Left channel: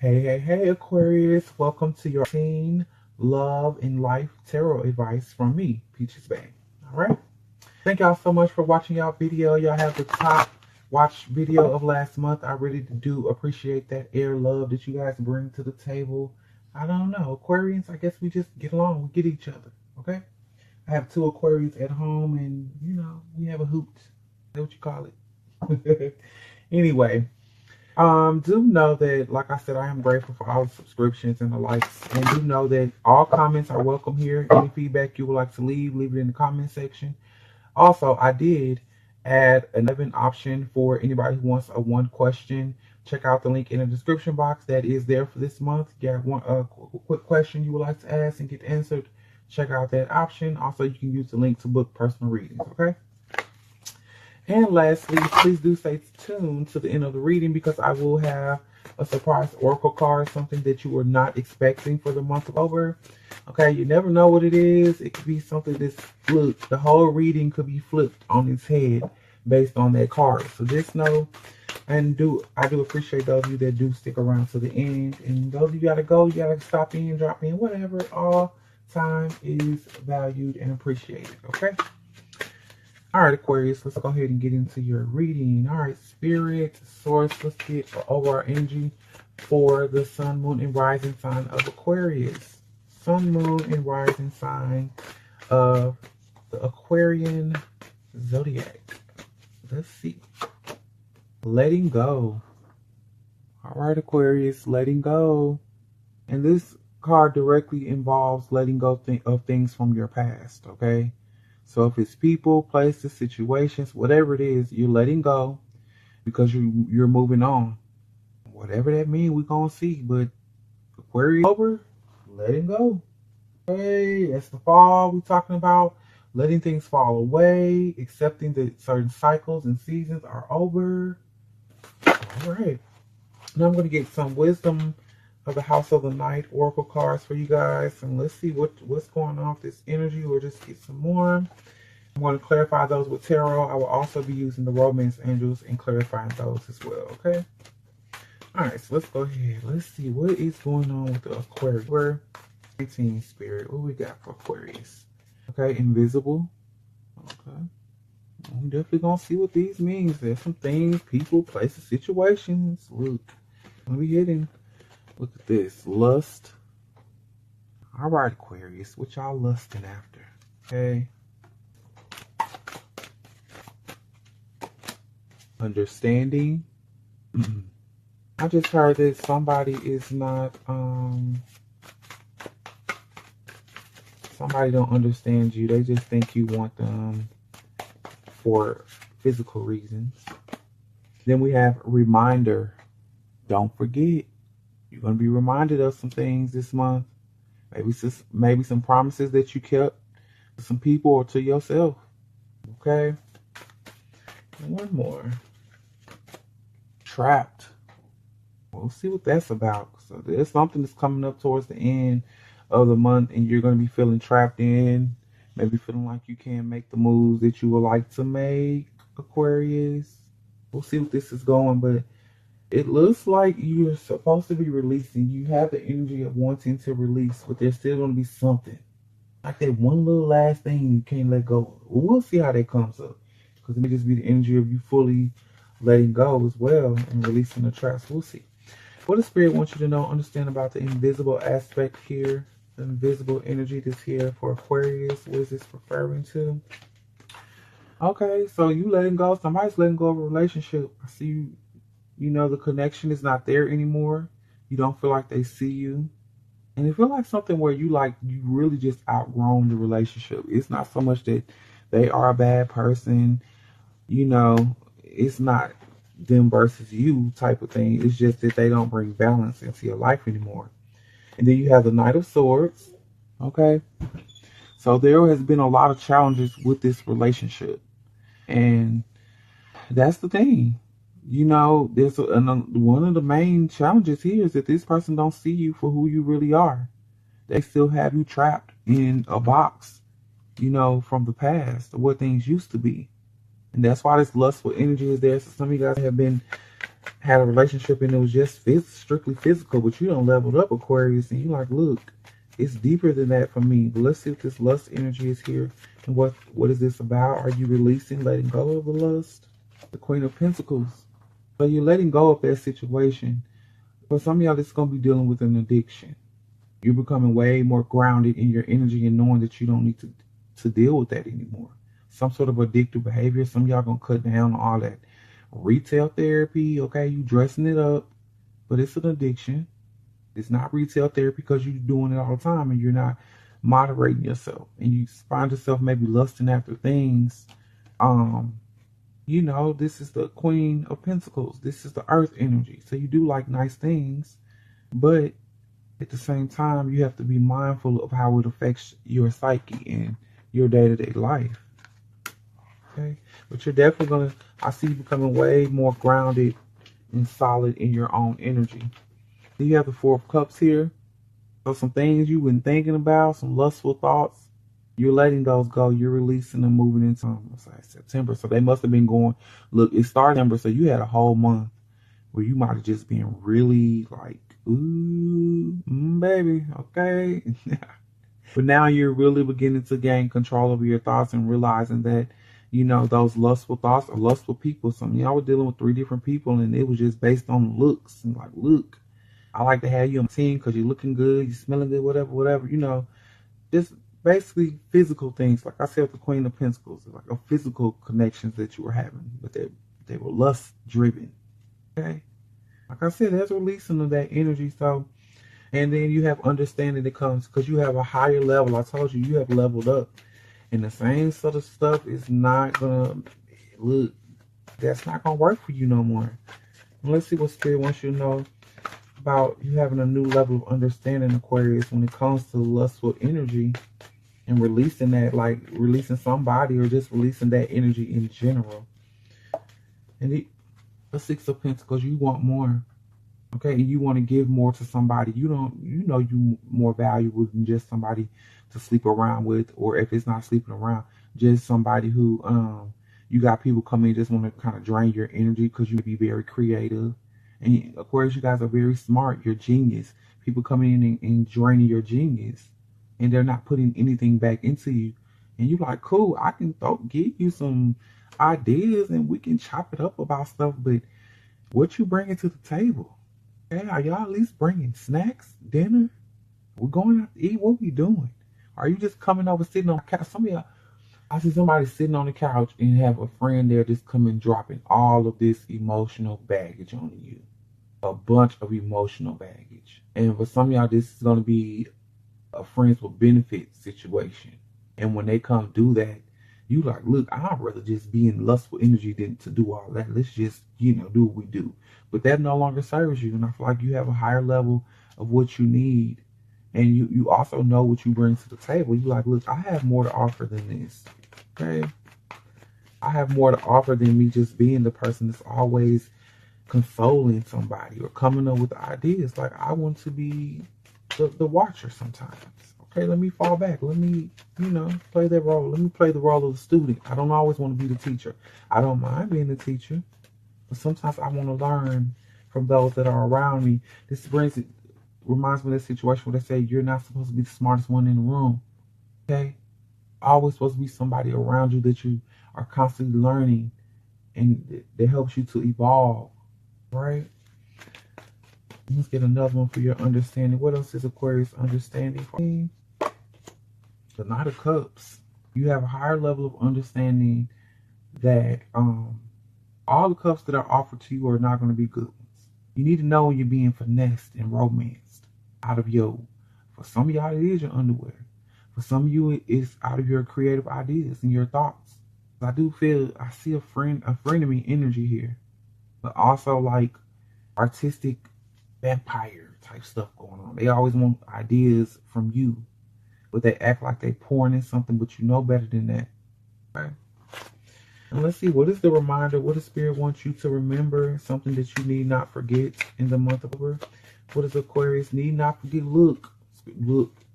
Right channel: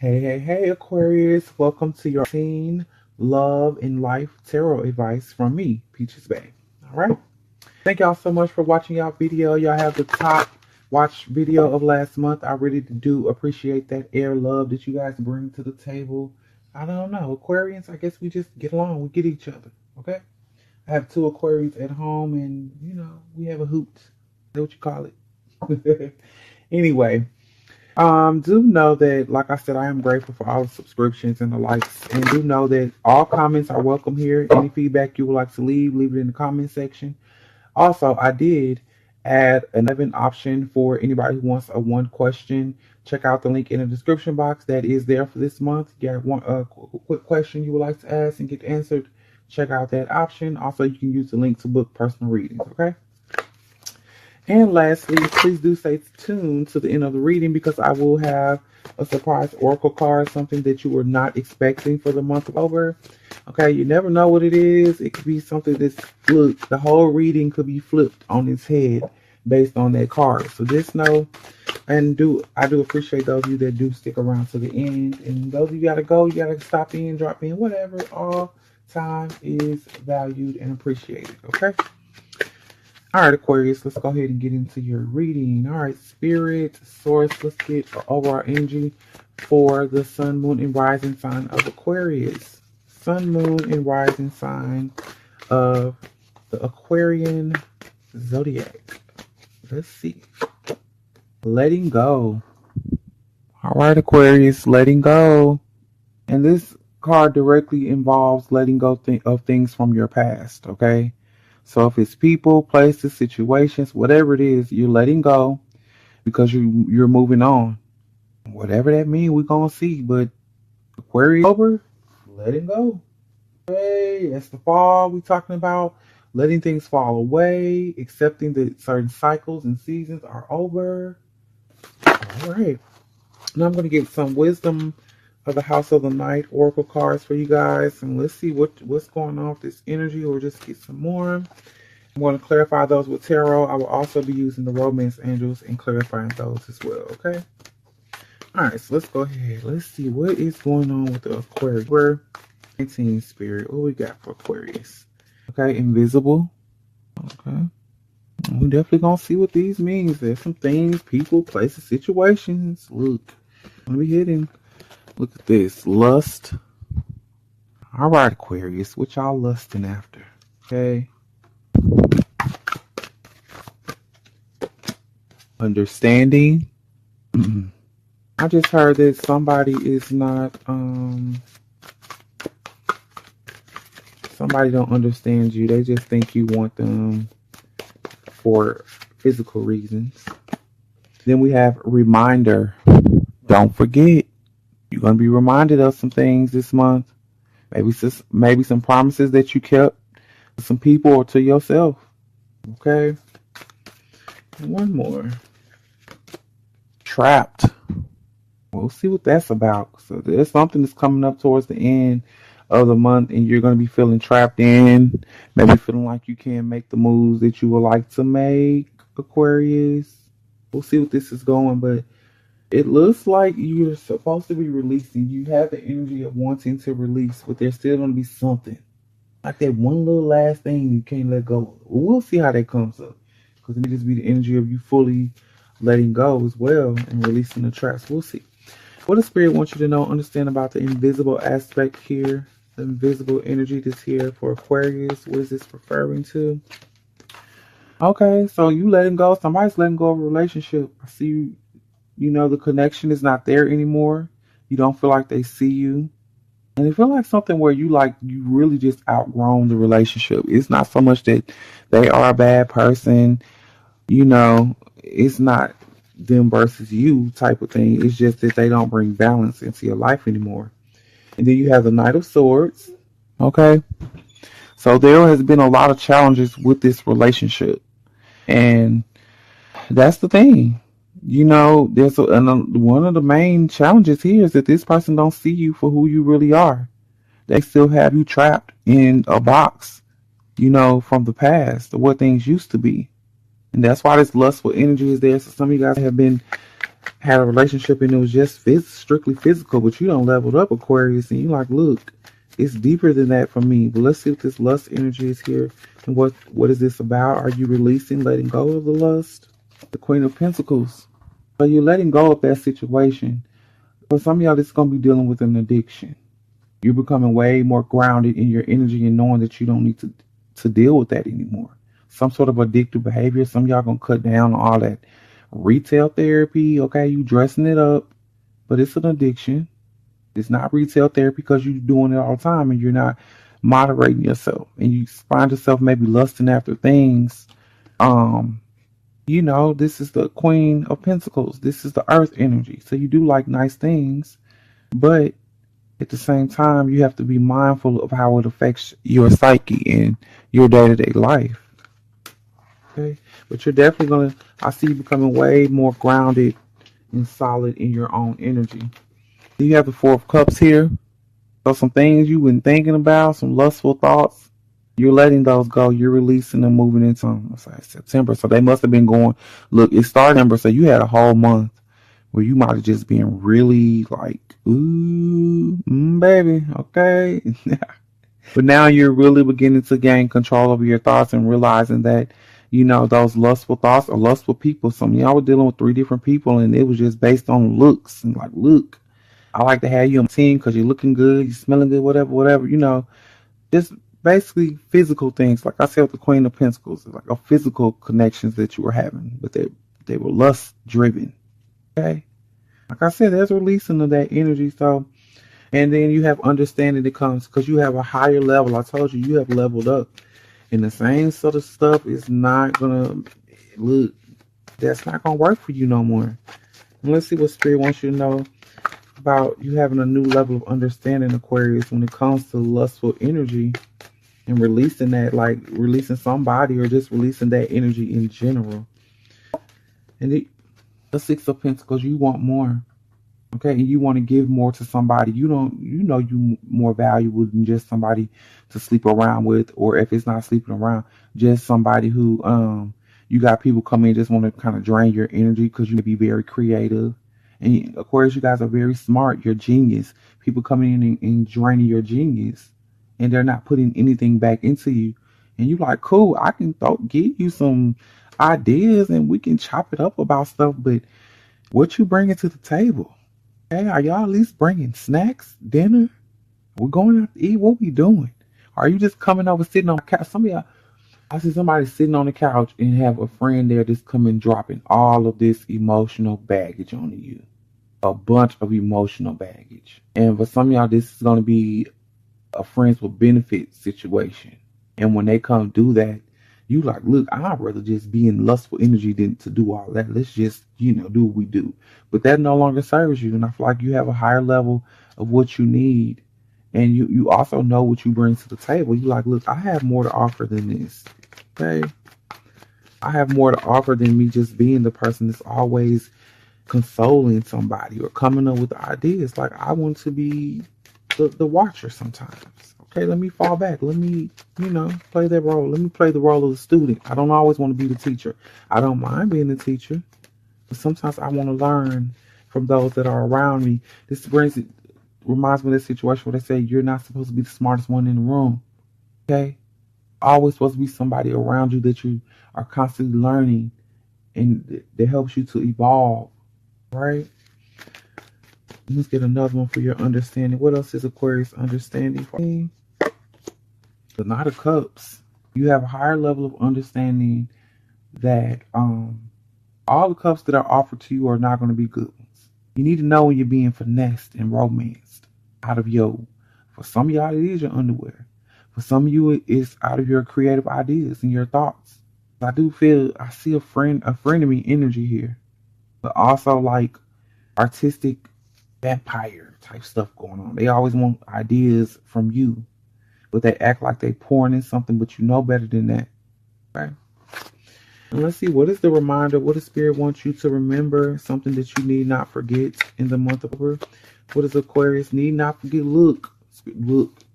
Hey, Aquarius. Welcome to your teen love and life tarot advice from me, Peaches Bay. All right. Thank y'all so much for watching y'all video. Y'all have the top watch video of last month. I really do appreciate that air love that you guys bring to the table. I don't know. Aquarians, I guess we just get along. We get each other. Okay. I have two Aquarians at home and, we have a hoot. That's what you call it. Anyway. Do know that, like I said, I am grateful for all the subscriptions and the likes. And do know that all comments are welcome here. Any feedback you would like to leave it in the comment section. Also, I did add another option for anybody who wants a one question. Check out the link in the description box that is there for this month. Get one quick question you would like to ask and get answered. Check out that option. Also, you can use the link to book personal readings, okay? And lastly, please do stay tuned to the end of the reading because I will have a surprise oracle card, something that you were not expecting for the month of October. Okay, you never know what it is. It could be something that's flipped. The whole reading could be flipped on its head based on that card. So just know, and I do appreciate those of you that do stick around to the end. And those of you gotta go, you gotta stop in, drop in, whatever. All time is valued and appreciated. Okay. All right, Aquarius, let's go ahead and get into your reading. All right, Spirit, Source, let's get overall energy for the Sun, Moon, and Rising sign of Aquarius. Sun, Moon, and Rising sign of the Aquarian Zodiac. Let's see. Letting go. All right, Aquarius, letting go. And this card directly involves letting go of things from your past, okay? So if it's people, places, situations, whatever it is, you're letting go because you're moving on. Whatever that means, we're going to see. But Aquarius over, letting go. Okay, that's the fall we're talking about. Letting things fall away, accepting that certain cycles and seasons are over. All right. Now I'm going to get some wisdom of the House of the Night oracle cards for you guys, and let's see what's going on with this energy. We'll just get some more. I'm going to clarify those with tarot. I will also be using the romance angels and clarifying those as well. Okay. All right. So let's go ahead. Let's see what is going on with the Aquarius. We're 19 spirit. What we got for Aquarius? Okay, invisible. Okay. We're definitely gonna see what these means. There's some things, people, places, situations. Look, let me hit him. Look at this. Lust. All right, Aquarius. What y'all lusting after? Okay. Understanding. I just heard that somebody is not, somebody don't understand you. They just think you want them for physical reasons. Then we have reminder. Don't forget. You're going to be reminded of some things this month. Maybe some promises that you kept to some people or to yourself. Okay. And one more. Trapped. We'll see what that's about. So there's something that's coming up towards the end of the month and you're going to be feeling trapped in. Maybe feeling like you can't make the moves that you would like to make, Aquarius. We'll see what this is going, but it looks like you're supposed to be releasing. You have the energy of wanting to release, but there's still going to be something. Like that one little last thing you can't let go of. We'll see how that comes up. Because it may just be the energy of you fully letting go as well and releasing the traps. We'll see. What the Spirit wants you to know, understand about the invisible aspect here. The invisible energy that's here for Aquarius. What is this referring to? Okay, so you letting go. Somebody's letting go of a relationship. I see you. You know, the connection is not there anymore. You don't feel like they see you. And it feels like something where you really just outgrown the relationship. It's not so much that they are a bad person. You know, it's not them versus you type of thing. It's just that they don't bring balance into your life anymore. And then you have the Knight of Swords. Okay. So there has been a lot of challenges with this relationship. And that's the thing. You know, there's one of the main challenges here is that this person don't see you for who you really are. They still have you trapped in a box, you know, from the past, of what things used to be. And that's why this lustful energy is there. So some of you guys have been had a relationship and it was just strictly physical, but you don't leveled up, Aquarius, and you like, look, it's deeper than that for me. But let's see what this lust energy is here, and what is this about? Are you releasing, letting go of the lust? The Queen of Pentacles. So you're letting go of that situation. For some of y'all, this is going to be dealing with an addiction. You're becoming way more grounded in your energy and knowing that you don't need to deal with that anymore. Some sort of addictive behavior. Some of y'all going to cut down on all that retail therapy. Okay, you dressing it up, but it's an addiction. It's not retail therapy because you're doing it all the time and you're not moderating yourself. And you find yourself maybe lusting after things. You know, this is the Queen of Pentacles. This is the earth energy. So you do like nice things, but at the same time, you have to be mindful of how it affects your psyche and your day-to-day life. Okay? But you're definitely going to, I see you becoming way more grounded and solid in your own energy. You have the Four of Cups here. So some things you've been thinking about, some lustful thoughts, you're letting those go. You're releasing them, moving into September. So they must have been going, look, it's starting September, so you had a whole month where you might have just been really like, ooh, baby, okay. But now you're really beginning to gain control over your thoughts and realizing that, you know, those lustful thoughts are lustful people. Some of y'all were dealing with 3 different people and it was just based on looks. And like, look, I like to have you on my team because you're looking good, you're smelling good, whatever, you know. Just basically physical things. Like I said with the Queen of Pentacles, like a physical connections that you were having, but they were lust driven. Okay? Like I said, there's a releasing of that energy. So, and then you have understanding that comes because you have a higher level. I told you have leveled up. And the same sort of stuff is not gonna look, that's not gonna work for you no more. And let's see what Spirit wants you to know about you having a new level of understanding, Aquarius, when it comes to lustful energy and releasing that, like releasing somebody or just releasing that energy in general. And the Six of Pentacles, you want more. Okay, and you want to give more to somebody. You know you more valuable than just somebody to sleep around with, or if it's not sleeping around, just somebody who you got people come in just want to kind of drain your energy because you be very creative. And of course, you guys are very smart. You're genius. People coming in and draining your genius, and they're not putting anything back into you. And you're like, cool, I can give you some ideas and we can chop it up about stuff, but what you bringing to the table? Hey, are y'all at least bringing snacks, dinner? We're going out to eat. What we doing? Are you just coming over, sitting on the couch? Some of y'all, I see somebody sitting on the couch and have a friend there just coming dropping all of this emotional baggage on you. A bunch of emotional baggage. And for some of y'all, this is going to be a friends with benefits situation. And when they come do that, you like, look, I'd rather just be in lustful energy than to do all that. Let's just, do what we do. But that no longer serves you. And I feel like you have a higher level of what you need. And you also know what you bring to the table. You like, look, I have more to offer than this. Okay? I have more to offer than me just being the person that's always consoling somebody or coming up with ideas. Like, I want to be the watcher sometimes. Okay, let me fall back. Let me, play that role. Let me play the role of the student. I don't always want to be the teacher. I don't mind being the teacher. But sometimes I want to learn from those that are around me. This reminds me of this situation where they say you're not supposed to be the smartest one in the room. Okay? Always supposed to be somebody around you that you are constantly learning and that helps you to evolve. Right? Let's get another one for your understanding. What else is Aquarius understanding? The Knight of Cups. You have a higher level of understanding that all the cups that are offered to you are not going to be good ones. You need to know when you're being finessed and romanced out of for some of y'all, it is your underwear. For some of you, it's out of your creative ideas and your thoughts. I do feel, I see a friend of me energy here, but also like artistic vampire type stuff going on. They always want ideas from you, but they act like they pouring in something, but you know better than that. Okay. And let's see, what is the reminder? What does Spirit want you to remember? Something that you need not forget in the month of October. What does Aquarius need not forget? Look,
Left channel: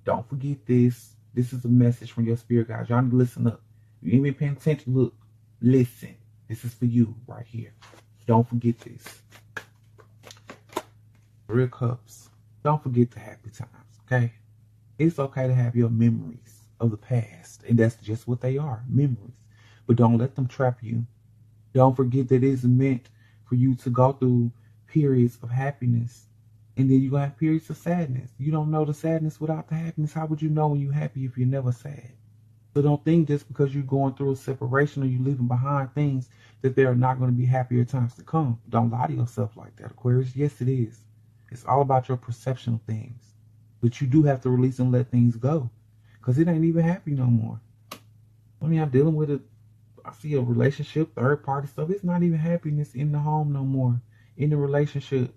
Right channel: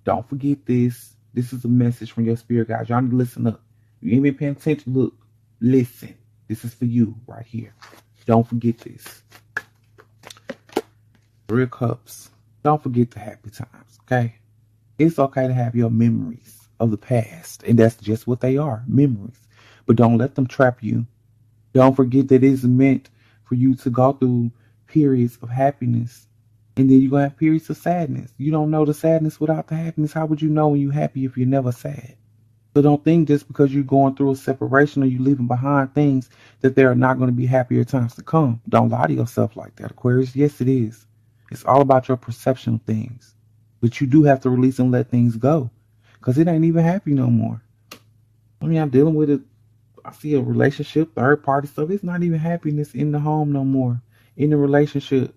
don't forget this. This is a message from your spirit guide. Y'all need to listen up. You ain't been paying attention. Look, listen. This is for you right here. Don't forget this. Three of Cups. Don't forget the happy times, okay? It's okay to have your memories of the past, and that's just what they are, memories. But don't let them trap you. Don't forget that it's meant for you to go through periods of happiness, and then you're going to have periods of sadness. You don't know the sadness without the happiness. How would you know when you're happy if you're never sad? So don't think just because you're going through a separation or you're leaving behind things that there are not going to be happier times to come. Don't lie to yourself like that, Aquarius. Yes, it is. It's all about your perception of things. But you do have to release and let things go, because it ain't even happy no more. I mean, I'm dealing with it. I see a relationship, third party stuff. It's not even happiness in the home no more. In the relationship,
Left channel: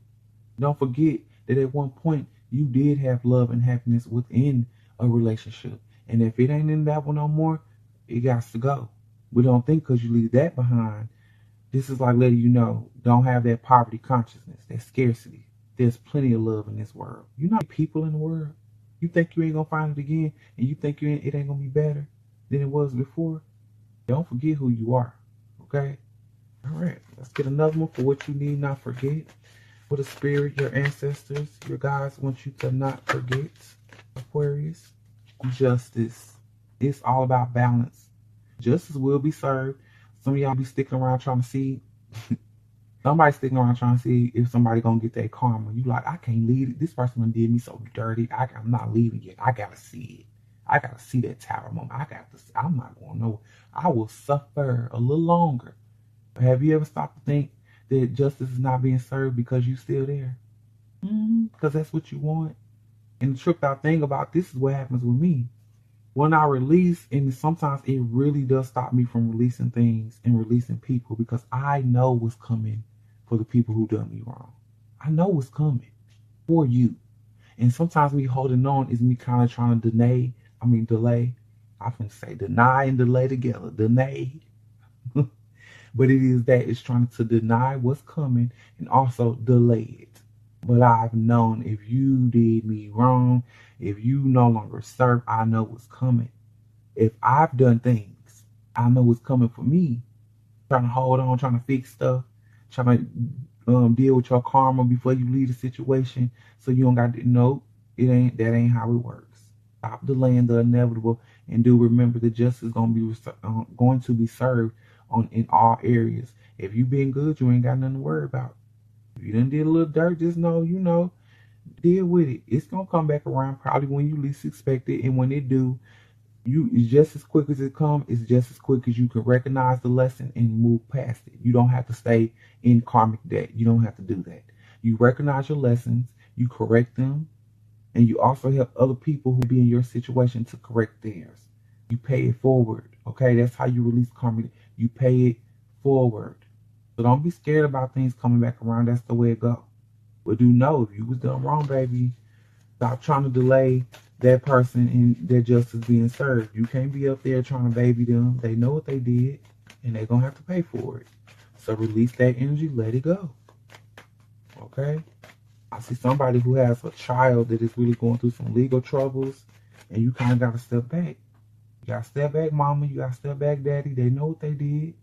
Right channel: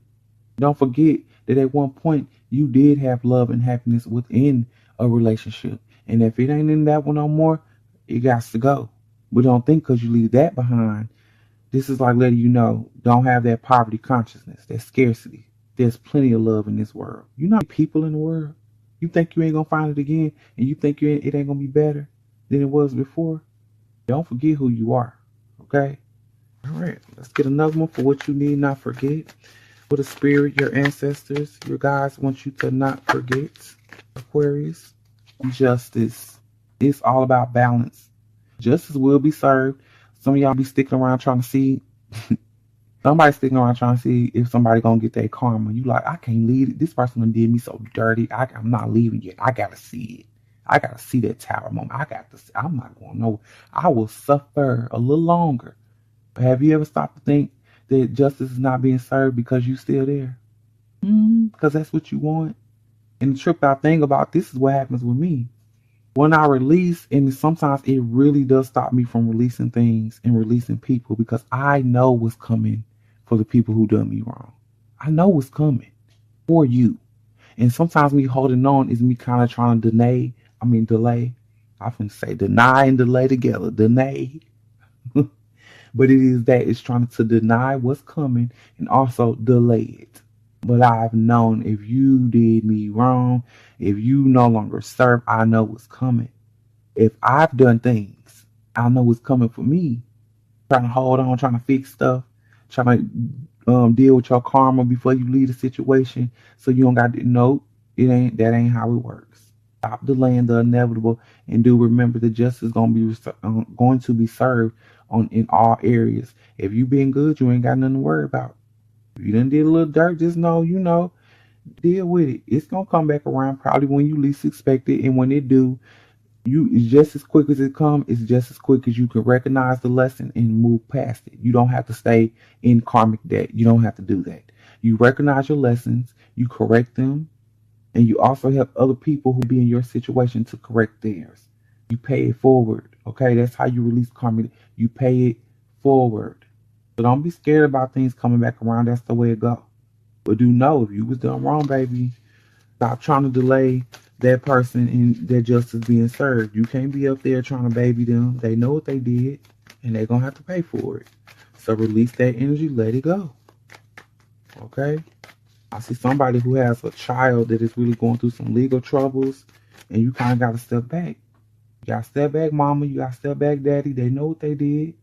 don't forget that at one point you did have love and happiness within a relationship. And if it ain't in that one no more, it got to go. But don't think because you leave that behind, this is like letting you know, don't have that poverty consciousness, that scarcity. There's plenty of love in this world. You know people in the world. You think you ain't going to find it again, and you think it ain't going to be better than it was before. Don't forget who you are, okay? All right, let's get another one for what you need not forget. For the spirit, your ancestors, your guides want you to not forget, Aquarius. Justice. It's all about balance. Justice will be served. Some of y'all be sticking around trying to see. Somebody sticking around trying to see if somebody gonna get their karma. You like, I can't leave it. This person done did me so dirty. I'm not leaving yet. I gotta see it. I gotta see that tower moment. I'm not gonna know. I will suffer a little longer. But have you ever stopped to think that justice is not being served because you still there? Because that's what you want. And the tripped out thing about this is what happens with me. When I release, and sometimes it really does stop me from releasing things and releasing people, because I know what's coming for the people who done me wrong. I know what's coming for you. And sometimes me holding on is me kind of trying to delay. I often say deny and delay together. Deny. But it is that it's trying to deny what's coming and also delay it. But I've known if you did me wrong, if you no longer serve, I know what's coming. If I've done things, I know what's coming for me. Trying to hold on, trying to fix stuff, trying to deal with your karma before you leave the situation, so you don't got to know that ain't how it works. Stop delaying the inevitable, and do remember that justice is going to be served in all areas. If you being good, you ain't got nothing to worry about. If you done did a little dirt, just know, deal with it. It's gonna come back around probably when you least expect it, and when it do, it's just as quick as it comes. It's just as quick as you can recognize the lesson and move past it. You don't have to stay in karmic debt. You don't have to do that. You recognize your lessons, you correct them, and you also help other people who be in your situation to correct theirs. You pay it forward. Okay, that's how you release karma. You pay it forward. So don't be scared about things coming back around. That's the way it goes. But do know if you was done wrong, baby, stop trying to delay that person and their justice being served. You can't be up there trying to baby them. They know what they did, and they're going to have to pay for it. So release that energy. Let it go. Okay? I see somebody who has a child that is really going through some legal troubles, and you kind of got to step back. You got to step back, mama. You got to step back, daddy. They know what they did.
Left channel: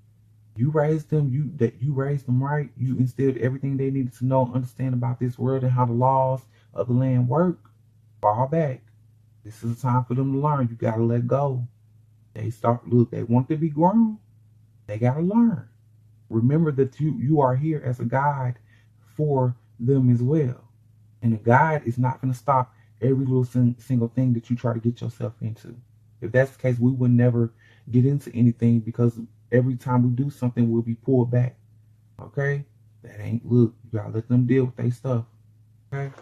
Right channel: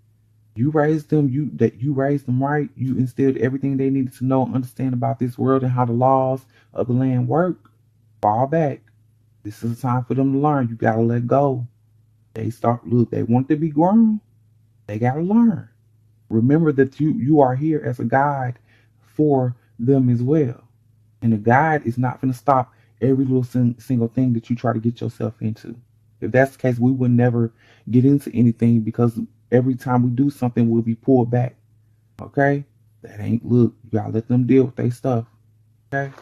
You raised them. You raised them right. You instilled everything they needed to know and understand about this world and how the laws of the land work. Fall back. This is a time for them to learn. You gotta let go. They want to be grown. They gotta learn. Remember that you are here as a guide for them as well. And the guide is not going to stop every little single thing that you try to get yourself into. If that's the case, we would never get into anything, because every time we do something, we'll be pulled back. Okay? You gotta let them deal with their stuff. Okay?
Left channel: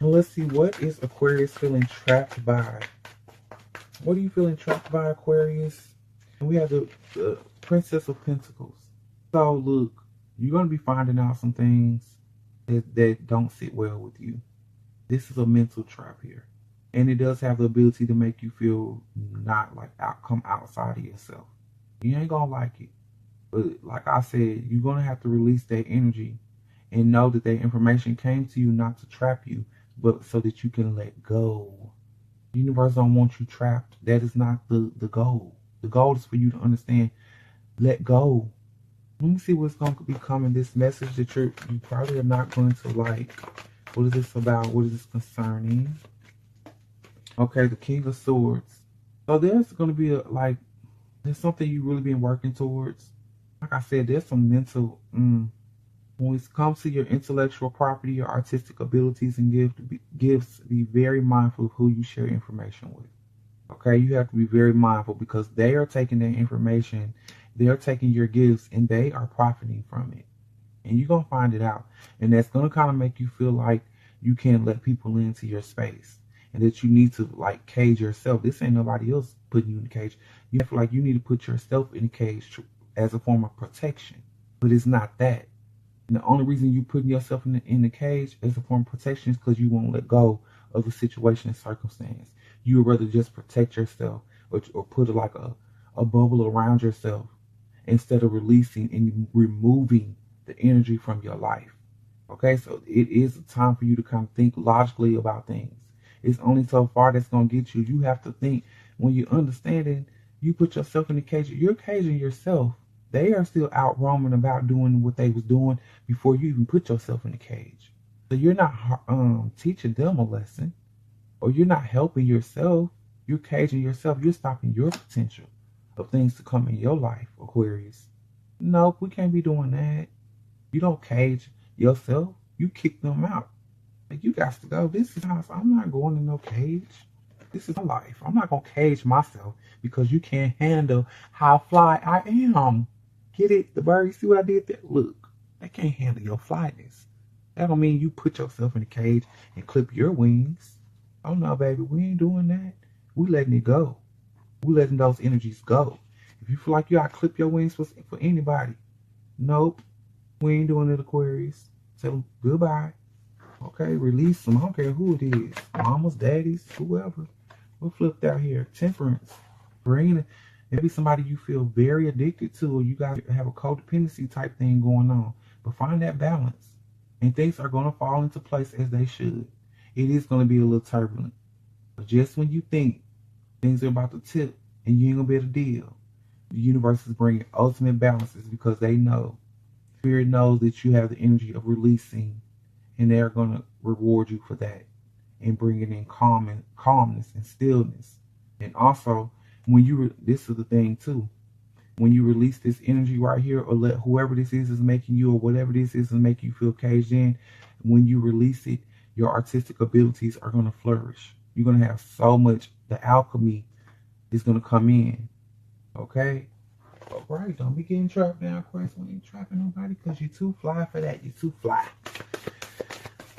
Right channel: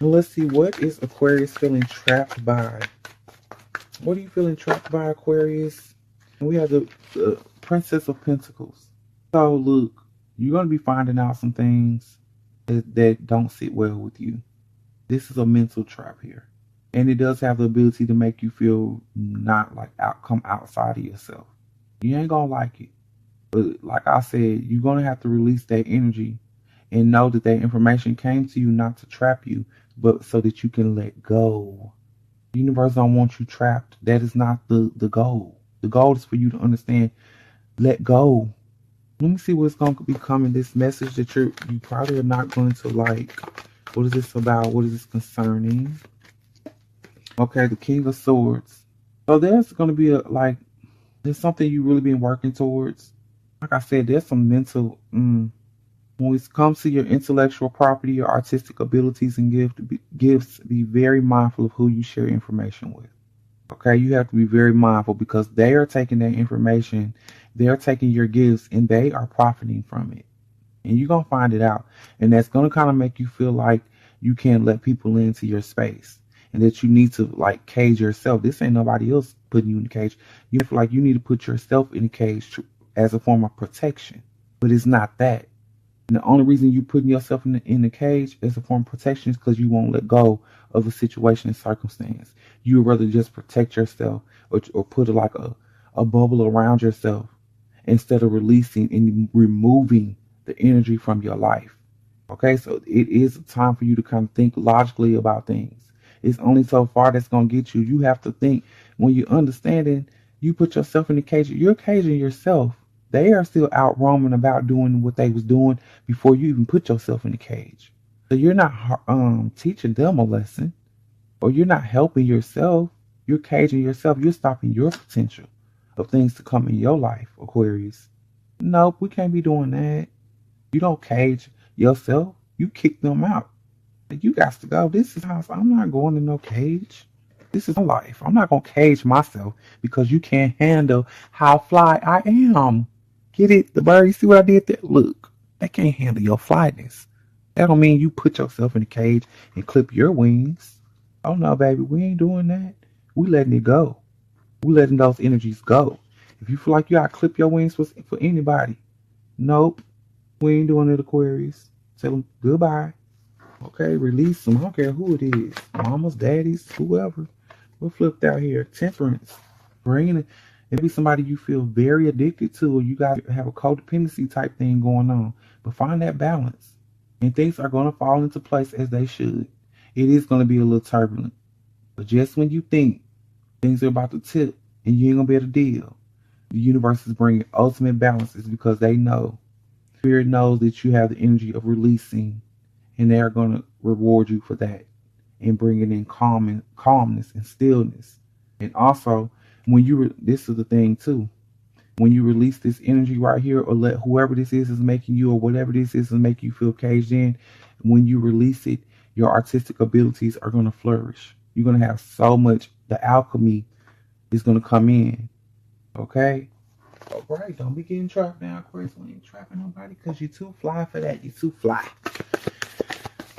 Now let's see, what is Aquarius feeling trapped by? What are you feeling trapped by, Aquarius? And we have the Princess of Pentacles. So look, you're going to be finding out some things that don't sit well with you. This is a mental trap here. And it does have the ability to make you feel not like come outside of yourself. You ain't going to like it. But like I said, you're going to have to release that energy and know that that information came to you not to trap you, but so that you can let go. The universe don't want you trapped. That is not the goal. The goal is for you to understand, let go. Let me see what's going to be coming. This message that you probably are not going to like. What is this about? What is this concerning? Okay, the King of Swords. So there's going to be there's something you really been working towards. Like I said, there's some mental, when it comes to your intellectual property, your artistic abilities and gifts, be very mindful of who you share information with. Okay, you have to be very mindful because they are taking that information, they're taking your gifts, and they are profiting from it. And you're going to find it out. And that's going to kind of make you feel like you can't let people into your space and that you need to like cage yourself. This ain't nobody else putting you in the cage. You feel like you need to put yourself in the cage as a form of protection. But it's not that. And the only reason you're putting yourself in the cage as a form of protection is because you won't let go of a situation and circumstance. You would rather just protect yourself or put like a bubble around yourself instead of releasing and removing the energy from your life. Okay, so it is a time for you to kind of think logically about things. It's only so far that's going to get you. You have to think when you're understanding, you put yourself in the cage, you're caging yourself. They are still out roaming about doing what they was doing before you even put yourself in the cage. So you're not teaching them a lesson, or you're not helping yourself. You're caging yourself. You're stopping your potential of things to come in your life, Aquarius. Nope, we can't be doing that. You don't cage yourself. You kick them out. You got to go. This is house. I'm not going in no cage. This is my life. I'm not going to cage myself because you can't handle how fly I am. Get it? The bird, you see what I did there? Look, they can't handle your flyness. That don't mean you put yourself in a cage and clip your wings. Oh no, baby, we ain't doing that. We letting it go. We letting those energies go. If you feel like you gotta clip your wings for anybody, nope, we ain't doing it, Aquarius. Tell them goodbye. Okay, release them. I don't care who it is. Mamas, daddies, whoever. We're flipped out here. Temperance. Bringing it. It be somebody you feel very addicted to, or you got to have a codependency type thing going on. But find that balance. And things are going to fall into place as they should. It is going to be a little turbulent. But just when you think things are about to tip and you ain't going to be able to deal, the universe is bringing ultimate balances because they know. Spirit knows that you have the energy of releasing, and they are going to reward you for that and bringing in calmness and stillness. And also, when this is the thing too, when you release this energy right here, or let whoever this is making you, or whatever this is make you feel caged in, when you release it, your artistic abilities are going to flourish. You're going to have so much, the alchemy is going to come in. Okay? All right, don't be getting trapped now, Aquarius. We ain't trapping nobody because you're too fly for that. You're too fly.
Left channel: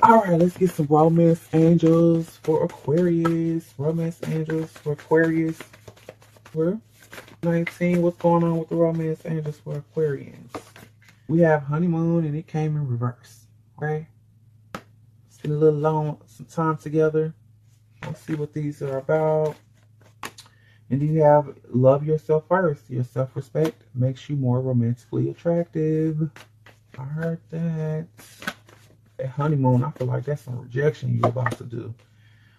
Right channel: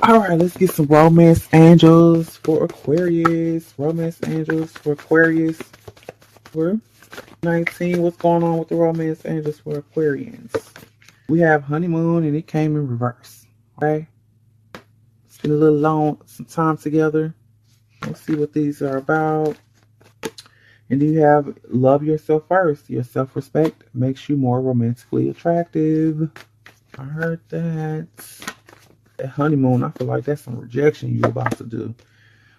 All right, let's get some romance angels for Aquarius. Romance angels for Aquarius. For 19, what's going on with the romance angels for Aquarians? We have honeymoon and it came in reverse. Okay? Spend a little some time together. Let's see what these are about. And you have love yourself first. Your self-respect makes you more romantically attractive. I heard that. That honeymoon, I feel like that's some rejection you're about to do.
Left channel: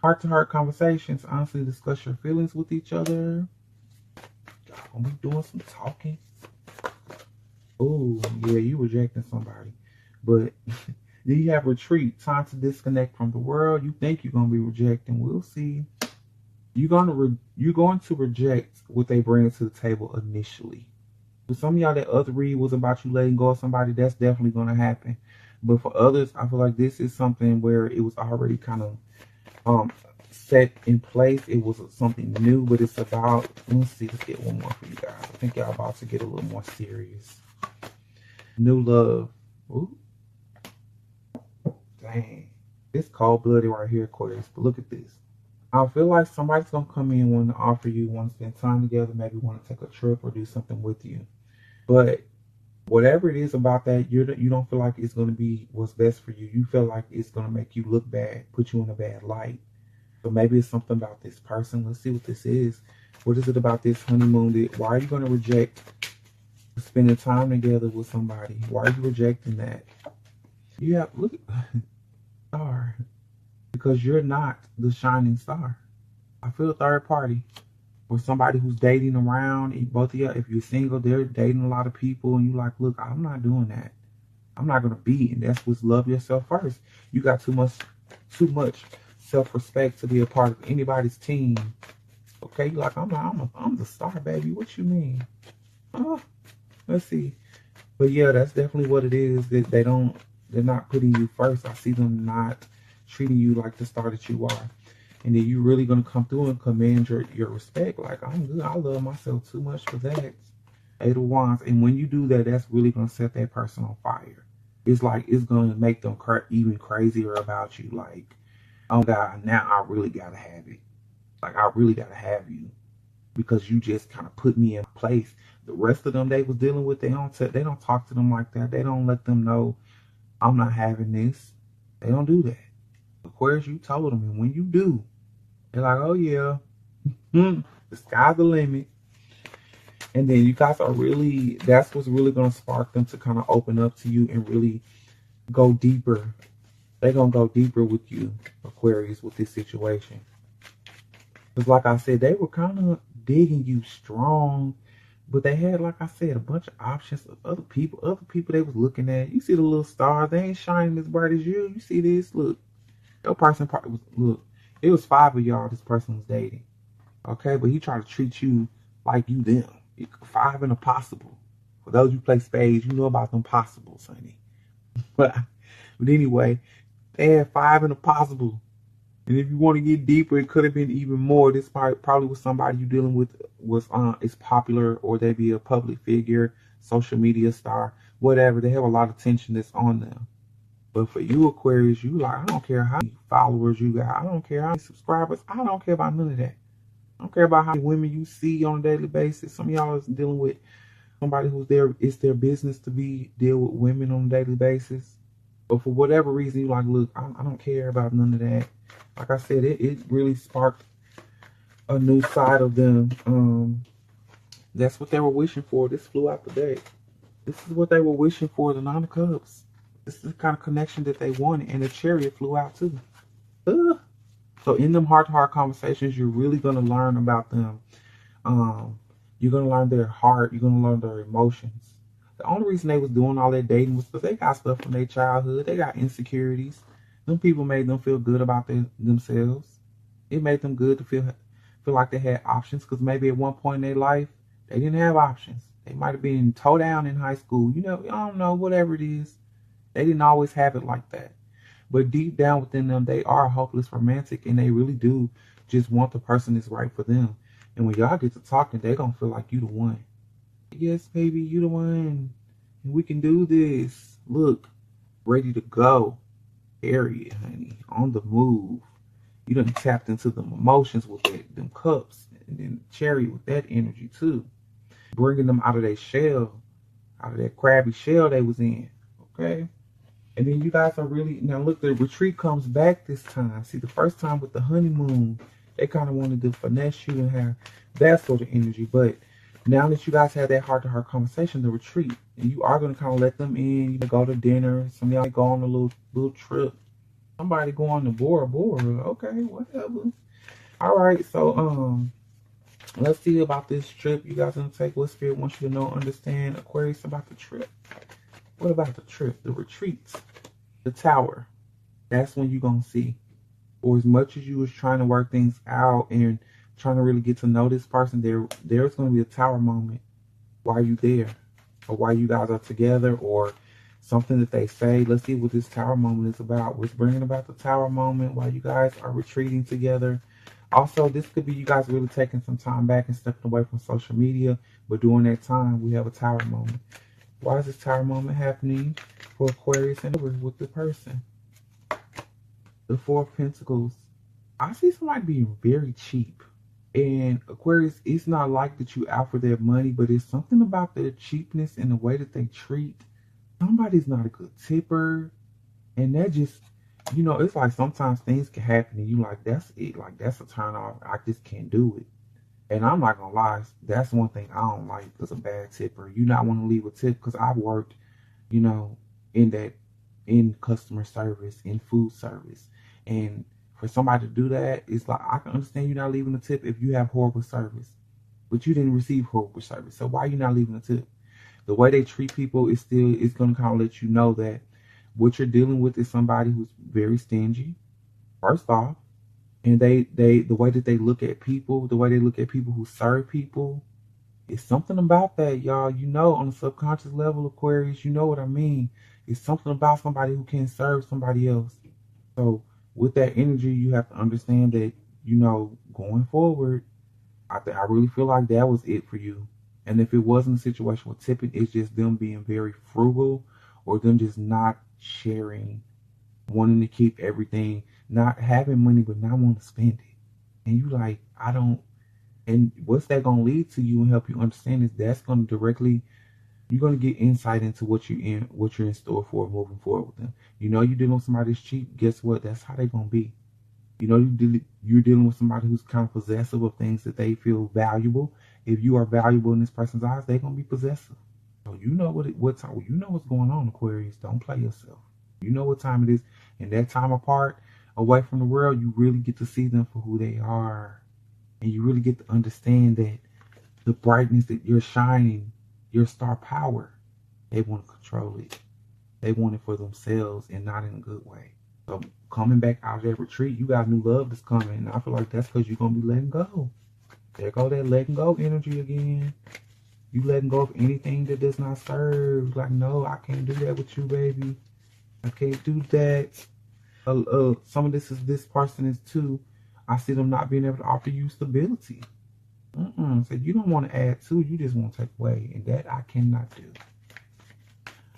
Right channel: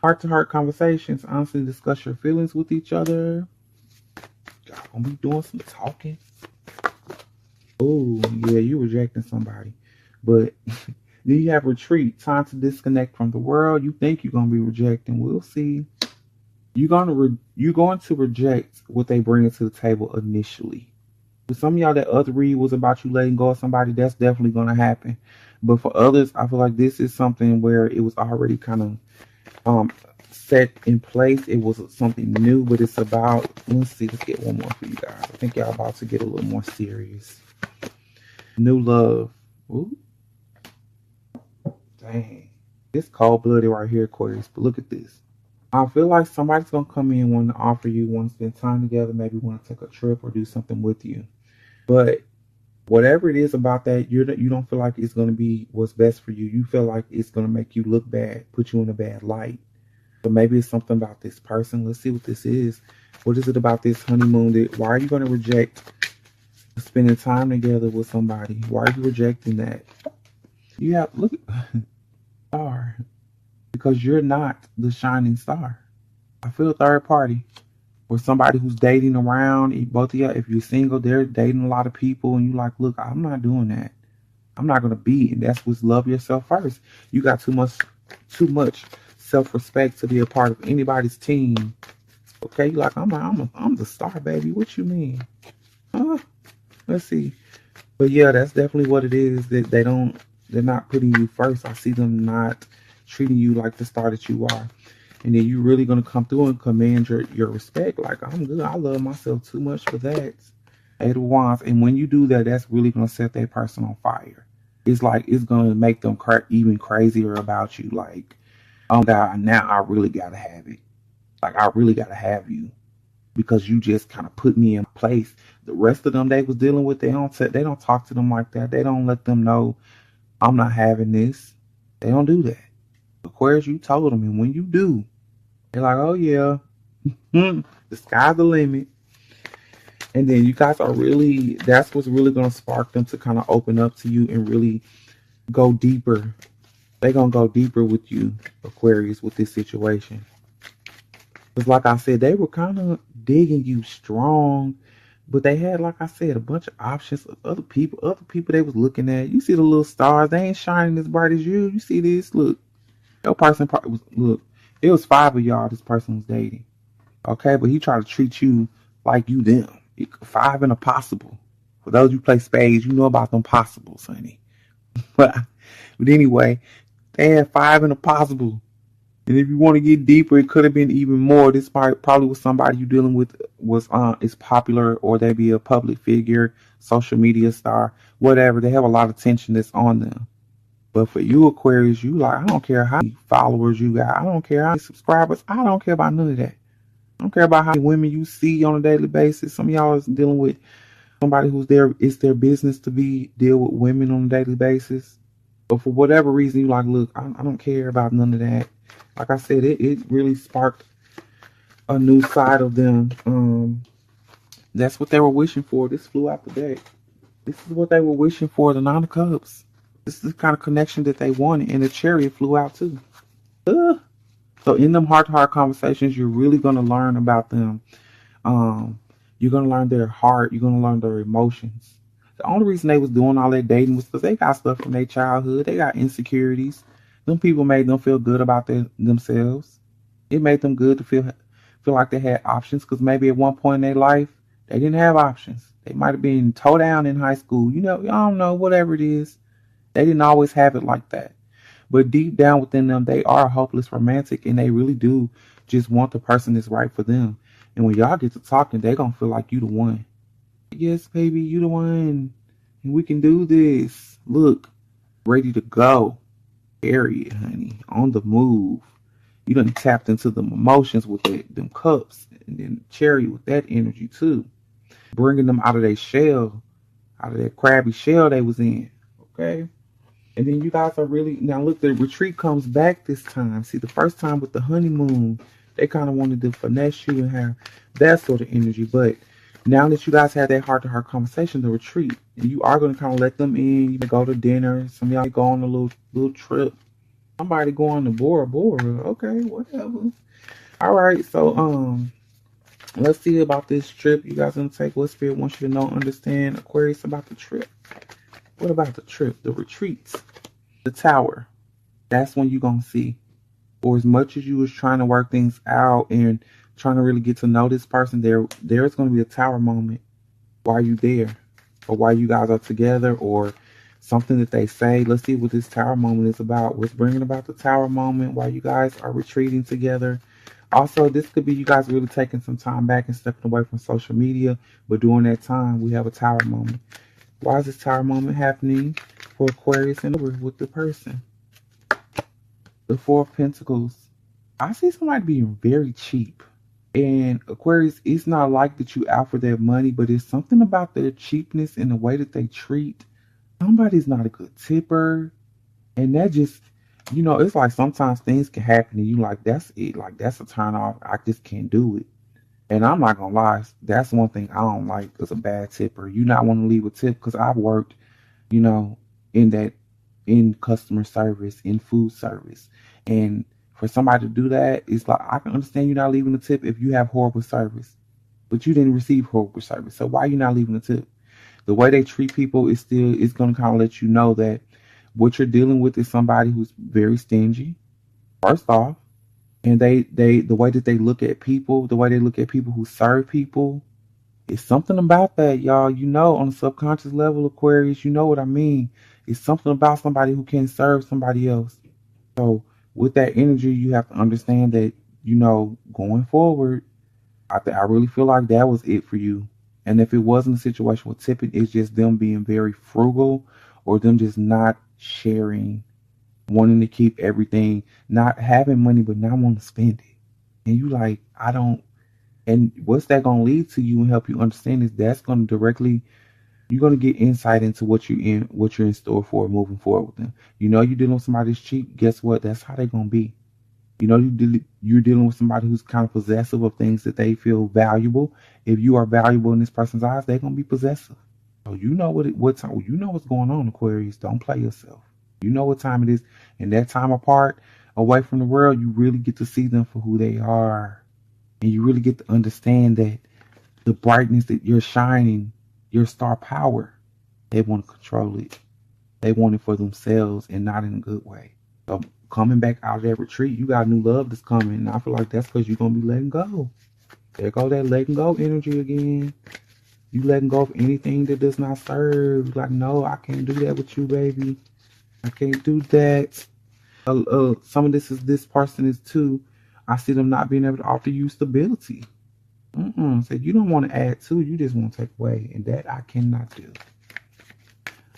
Heart-to-heart conversations. Honestly discuss your feelings with each other. Y'all gonna be doing some talking. Oh, yeah, you rejecting somebody. But then you have retreat. Time to disconnect from the world. You think you're gonna be rejecting. We'll see. You're going to reject what they bring to the table initially. For some of y'all, that other read was about you letting go of somebody. That's definitely going to happen. But for others, I feel like this is something where it was already kind of set in place. It was something new, but it's about, let's get one more for you guys. I think y'all about to get a little more serious. New love. Ooh. Dang. It's cold-blooded right here, Aquarius. But look at this. I feel like somebody's going to come in and want to offer you, want to spend time together, maybe want to take a trip or do something with you. But whatever it is about that, you don't feel like it's going to be what's best for you. You feel like it's going to make you look bad, put you in a bad light. But maybe it's something about this person. Let's see what this is. What is it about this honeymoon? Why are you going to reject spending time together with somebody? Why are you rejecting that? You have, look at star. Because you're not the shining star. I feel a third party. Or somebody who's dating around. Both of you, if you're single, they're dating a lot of people. And you're like, look, I'm not doing that. I'm not gonna be. And that's what's love yourself first. You got too much self-respect to be a part of anybody's team. Okay, you like I'm the star, baby. What you mean? Let's see. But yeah, that's definitely what it is. That they're not putting you first. I see them not treating you like the star that you are. And then you're really gonna come through and command your respect. Like, I'm good. I love myself too much for that. Eight of Wands. And when you do that, that's really gonna set that person on fire. It's like it's gonna make them even crazier about you. Like, oh God, now I really gotta have it. Like, I really gotta have you because you just kind of put me in place. The rest of them they was dealing with, they don't talk to them like that. They don't let them know I'm not having this. They don't do that. Aquarius, you told them, and when you do, they're like, oh yeah, the sky's the limit. And then you guys are really, that's what's really going to spark them to kind of open up to you and really go deeper. They're going to go deeper with you, Aquarius, with this situation. Because like I said, they were kind of digging you strong, but they had, like I said, a bunch of options of other people they was looking at. You see the little stars, they ain't shining as bright as you. You see this? Look, your person was, look, it was 5 of y'all this person was dating. Okay, but he tried to treat you like you them. 5 and a possible. For those who play spades, you know about them possibles, honey. But anyway, they had 5 and a possible. And if you want to get deeper, it could have been even more. This probably was somebody you dealing with is popular, or they be a public figure, social media star, whatever. They have a lot of attention that's on them. But for you, Aquarius, you like, I don't care how many followers you got. I don't care how many subscribers. I don't care about none of that. I don't care about how many women you see on a daily basis. Some of y'all is dealing with somebody who's there. It's their business to deal with women on a daily basis. But for whatever reason, you like, look, I don't care about none of that. Like I said, it really sparked a new side of them. That's what they were wishing for. This flew out the deck. This is what they were wishing for, the 9 of Cups. This is the kind of connection that they wanted, and the Chariot flew out too. So in them heart-to-heart conversations, you're really going to learn about them. You're going to learn their heart. You're going to learn their emotions. The only reason they was doing all that dating was because they got stuff from their childhood. They got insecurities. Them people made them feel good about themselves. It made them good to feel like they had options, because maybe at one point in their life, they didn't have options. They might have been toe down in high school. You know, I don't know, whatever it is. They didn't always have it like that. But deep down within them, they are a hopeless romantic, and they really do just want the person that's right for them. And when y'all get to talking, they're going to feel like you the one. Yes, baby, you the one. And we can do this. Look, ready to go. Period, honey. On the move. You done tapped into them emotions with them cups. And then Chariot with that energy too. Bringing them out of their shell. Out of that crabby shell they was in. Okay? And then you guys are really, now look, the retreat comes back this time. See, the first time with the honeymoon, they kind of wanted to finesse you and have that sort of energy. But now that you guys had that heart-to-heart conversation, the retreat, and you are going to kind of let them in. You can go to dinner. Some of y'all go on a little trip. Somebody go on the Bora Bora. Okay, whatever. All right, so let's see about this trip you guys going to take. What Spirit wants you to know, understand, Aquarius, about the trip. What about the trip, the retreats, the tower? That's when you're going to see. Or as much as you was trying to work things out and trying to really get to know this person, there's going to be a tower moment while you there, or while you guys are together, or something that they say. Let's see what this tower moment is about. What's bringing about the tower moment while you guys are retreating together. Also, this could be you guys really taking some time back and stepping away from social media. But during that time, we have a tower moment. Why is this tower moment happening for Aquarius and with the person? The 4 of Pentacles. I see somebody being very cheap. And Aquarius, it's not like that you out for their money, but it's something about their cheapness and the way that they treat. Somebody's not a good tipper. And that just, you know, it's like sometimes things can happen and you like, that's it. Like, that's a turn off. I just can't do it. And I'm not going to lie, that's one thing I don't like as a bad tipper. You not want to leave a tip, because I've worked, you know, in customer service, in food service. And for somebody to do that, it's like, I can understand you not leaving a tip if you have horrible service. But you didn't receive horrible service. So why are you not leaving a tip? The way they treat people is still, it's going to kind of let you know that what you're dealing with is somebody who's very stingy, first off. And the way that they look at people, the way they look at people who serve people, it's something about that, y'all. You know, on a subconscious level, Aquarius, you know what I mean. It's something about somebody who can serve somebody else. So with that energy, you have to understand that, you know, going forward, I really feel like that was it for you. And if it wasn't a situation with tipping, it's just them being very frugal or them just not sharing, wanting to keep everything, not having money but not wanting to spend it. And you like, I don't. And what's that going to lead to you and help you understand is that's going to directly, you're going to get insight into what you're in store for moving forward with them. You know, you're dealing with somebody that's cheap. Guess what? That's how they're going to be. You know, you're dealing with somebody who's kind of possessive of things that they feel valuable. If you are valuable in this person's eyes, they're going to be possessive. So you know what time, you know what's going on, Aquarius. Don't play yourself. You know what time it is. And that time apart, away from the world, you really get to see them for who they are. And you really get to understand that the brightness that you're shining, your star power, they want to control it. They want it for themselves and not in a good way. So coming back out of that retreat, you got new love that's coming. And I feel like that's because you're going to be letting go. There go that letting go energy again. You letting go of anything that does not serve. Like, no, I can't do that with you, baby. I can't do that. Some of this person is too. I see them not being able to offer you stability. So you don't want to add to, you just want to take away. And that I cannot do.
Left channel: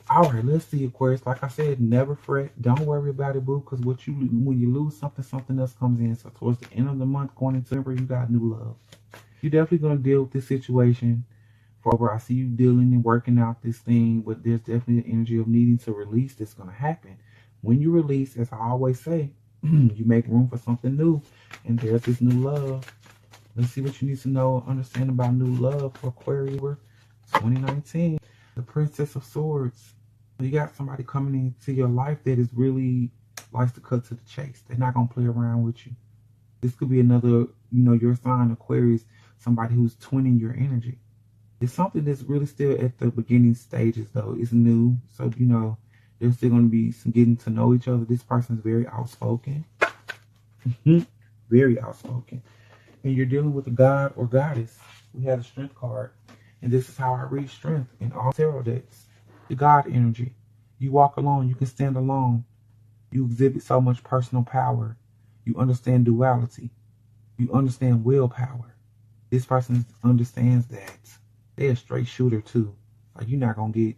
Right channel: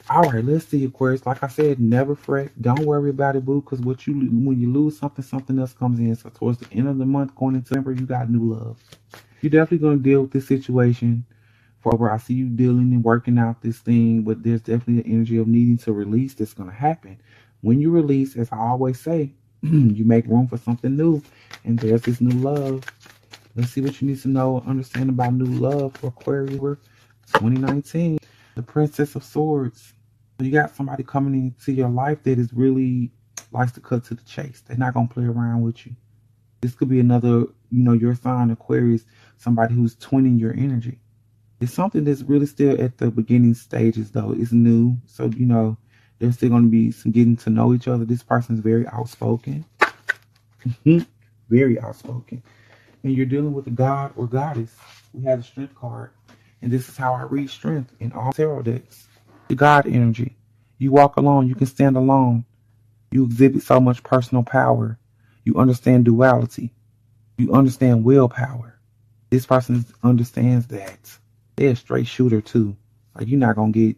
All right, let's see, Aquarius. Like I said, never fret. Don't worry about it, boo, because when you lose something, something else comes in. So towards the end of the month, going into September, you got new love. You're definitely going to deal with this situation forever. I see you dealing and working out this thing, but there's definitely an energy of needing to release that's going to happen. When you release, as I always say, you make room for something new, and there's this new love. Let's see what you need to know, understand about new love for Aquarius 2019. The Princess of Swords. You got somebody coming into your life that is really likes to cut to the chase. They're not going to play around with you. This could be another, your sign, Aquarius, somebody who's twinning your energy. It's something that's really still at the beginning stages, though. It's new. So, there's still going to be some getting to know each other. This person is very outspoken. Very outspoken. And you're dealing with a god or goddess. We had a strength card. And this is how I read strength in all tarot decks. The God energy. You walk alone. You can stand alone. You exhibit so much personal power. You understand duality. You understand willpower. This person understands that. They're a straight shooter too. Like you're not going to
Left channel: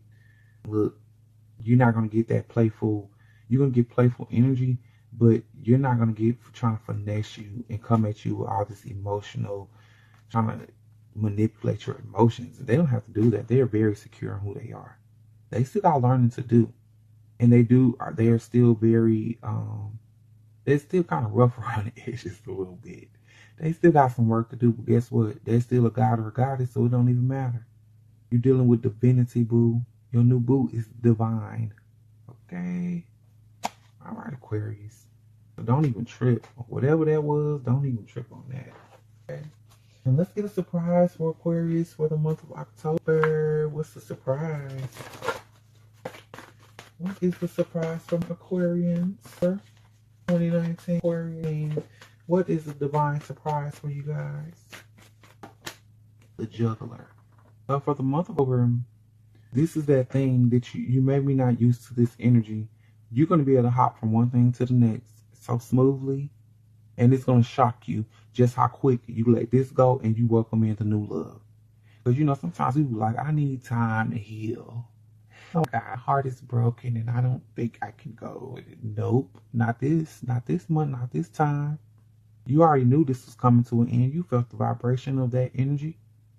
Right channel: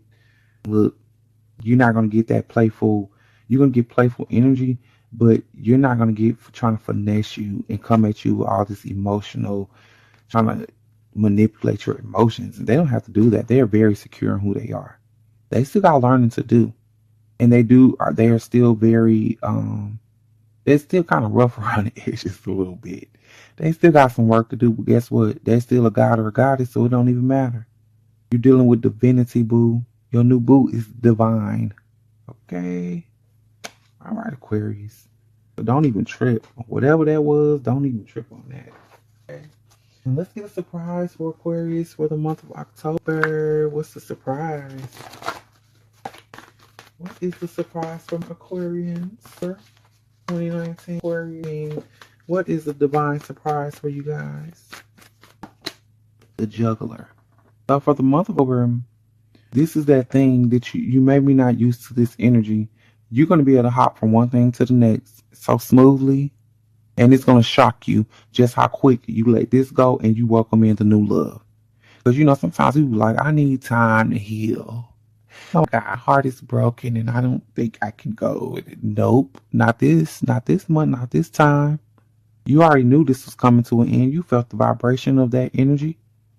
get that playful. You're going to get playful energy, but you're not going to get trying to finesse you and come at you with all this emotional, trying to manipulate your emotions. And they don't have to do that. They're very secure in who they are. They still got learning to do. And they are still very, they're still kind of rough around the edges a little bit. They still got some work to do, but guess what? They're still a god or a goddess, so it don't even matter. You're dealing with divinity, boo. Your new boo is divine. Okay? All right, Aquarius. So don't even trip. Whatever that was, don't even trip on that. Okay? And let's get a surprise for Aquarius for the month of October. What's the surprise? What is the surprise from Aquarians for 2019 Aquarian? What is the divine surprise for you guys? The Juggler. For the month of October, this is that thing that you may be not used to this energy. You're going to be able to hop from one thing to the next so smoothly. And it's going to shock you just how quick you let this go and you welcome into new love. Because, sometimes people like, I need time to heal. Oh, God, heart is broken and I don't think I can go with it. Nope, not this month, not this time. You already knew this was coming to an end. You felt the vibration of that energy.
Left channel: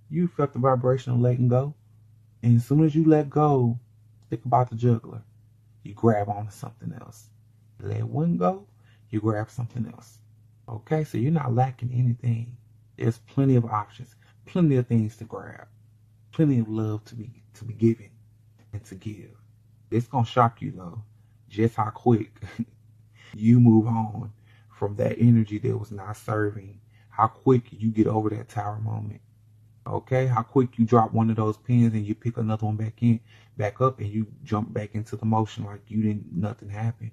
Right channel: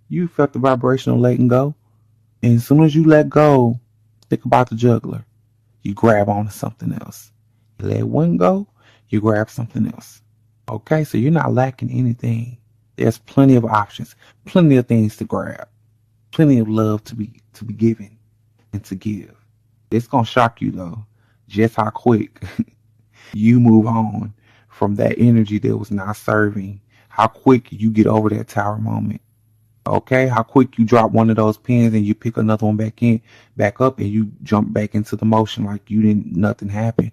You felt the vibration of letting go. And as soon as you let go, think about the juggler. You grab onto something else. You let one go, you grab something else. Okay, so you're not lacking anything. There's plenty of options, plenty of things to grab, plenty of love to be given and to give. It's gonna shock you though, just how quick you move on from that energy that was not serving. How quick you get over that tower moment. Okay, how quick you drop one of those pins and you pick another one back up, and you jump back into the motion like you didn't, nothing happened.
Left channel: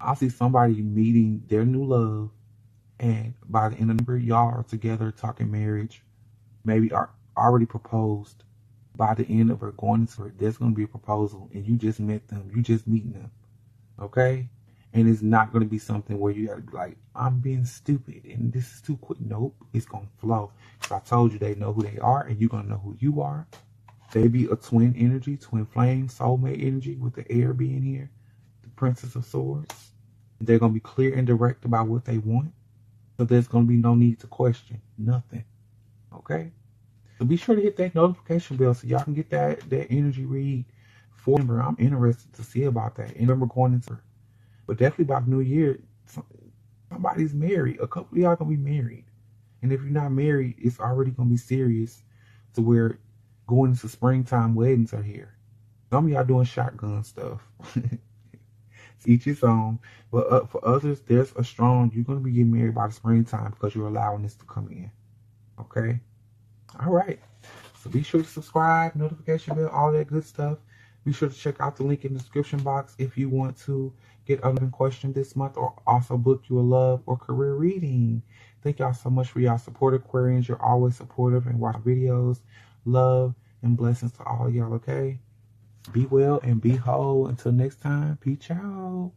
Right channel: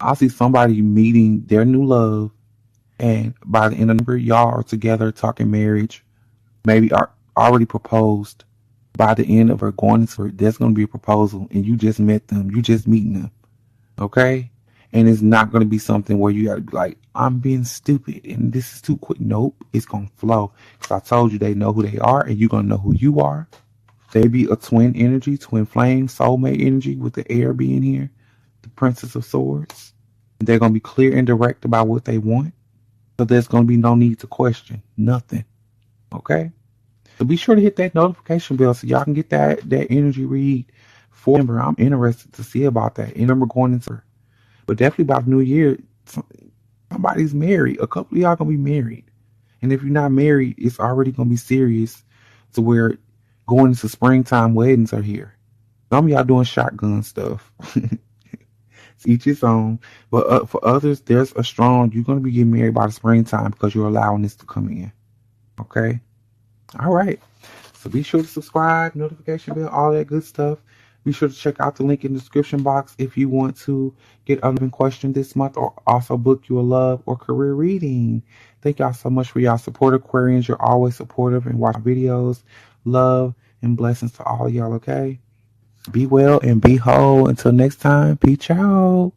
I see somebody meeting their new love, and by the end of November, y'all are together talking marriage, maybe are already proposed. By the end of her going into it, there's going to be a proposal, and you just met them, you just meeting them. Okay, and it's not going to be something where you got to be like, I'm being stupid and this is too quick. Nope, it's going to flow. So I told you, they know who they are, and you're going to know who you are. They be a twin energy, twin flame, soulmate energy, with the air being here, the Princess of Swords. They're going to be clear and direct about what they want. So there's going to be no need to question nothing. Okay? So be sure to hit that notification bell so y'all can get that energy read for November. I'm interested to see about that. And remember, going into, but definitely by the new year, somebody's married. A couple of y'all going to be married. And if you're not married, it's already going to be serious to where going into springtime weddings are here. Some of y'all doing shotgun stuff. Each his own. But for others, there's a strong, you're going to be getting married by the springtime because you're allowing this to come in. Okay? All right. So be sure to subscribe, notification bell, all that good stuff. Be sure to check out the link in the description box if you want to get a question this month, or also book you a love or career reading. Thank y'all so much for y'all support, Aquarians. You're always supportive and watch videos. Love and blessings to all y'all, okay? Be well and be whole. Until next time, peace out.